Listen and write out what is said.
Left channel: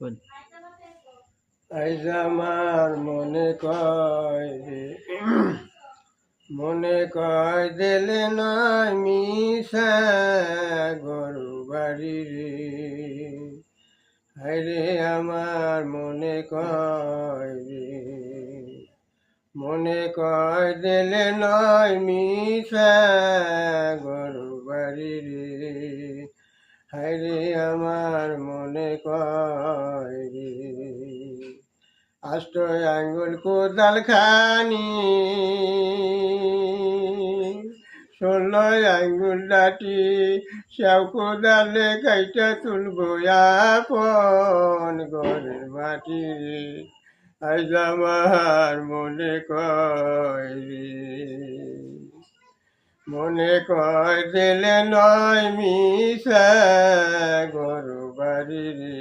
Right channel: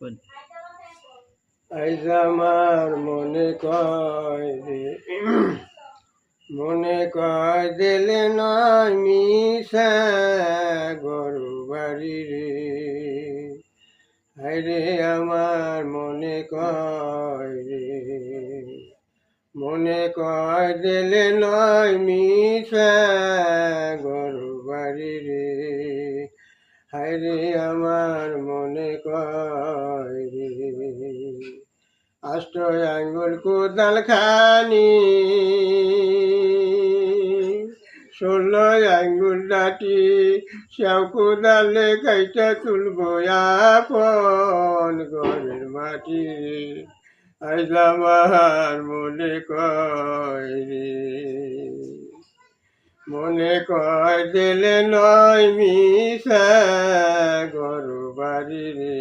কোন আইজ আমার মনে কয় দিলে নয় মিশা গরু বাড়ি রে। হায়রে আমার মনে কয় দিলে নয় মিশা গরু বাড়ি রে। হায়রে আমার মনে কয় রে। আষ্ট আঙ্গুল কোদাল খানি 16 আঙ্গুল ডাটি সেও কোদালে কাইটা তুলবো আপন ঘরের মাটি রে। আজ আমার মনে কয় দিলে নয় মিশা গরু বাড়ি রে।